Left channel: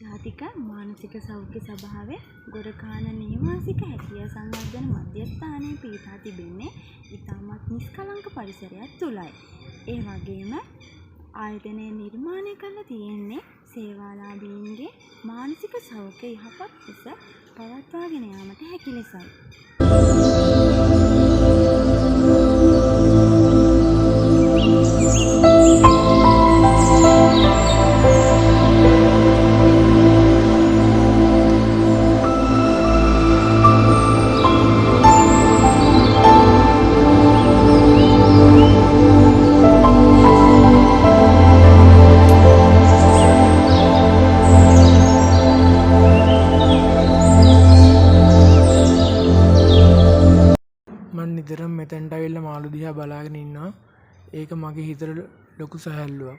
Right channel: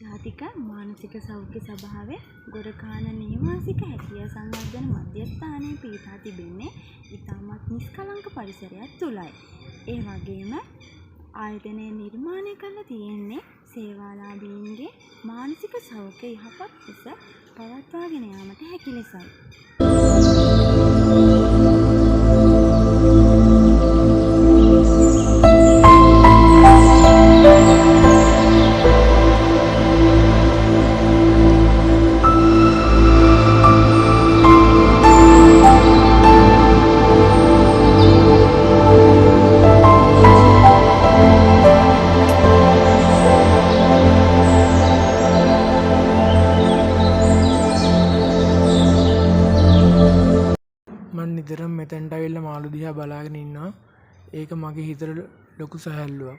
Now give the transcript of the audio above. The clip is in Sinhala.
ජාතික මානසික සෞඛ්‍ය සභාවේ ගොරකාන නේවාසික හැකියා සංවර්ධන මධ්‍යස්ථානයේ පිහිටා තිබෙන්නේ ඉතාමත් නිෂ්කලංක පරිසරයක් තුලයි. ඒ වගේම ආයතනය නිර්මාණය කරලා තියෙන්නේ සේවාලාභීන්ගේ මානසික සෞඛ්‍ය යහපත් ලෙස පවත්වාගෙන යාමට හැකි ලෙසයි. මම නිතරම මෙතෙන්ට ඇවිල්ලා මාළු දිහා බලාගෙන ඉන්නවා. ඒක මගේ හිතට ලොකු සැහැල්ලුවක්.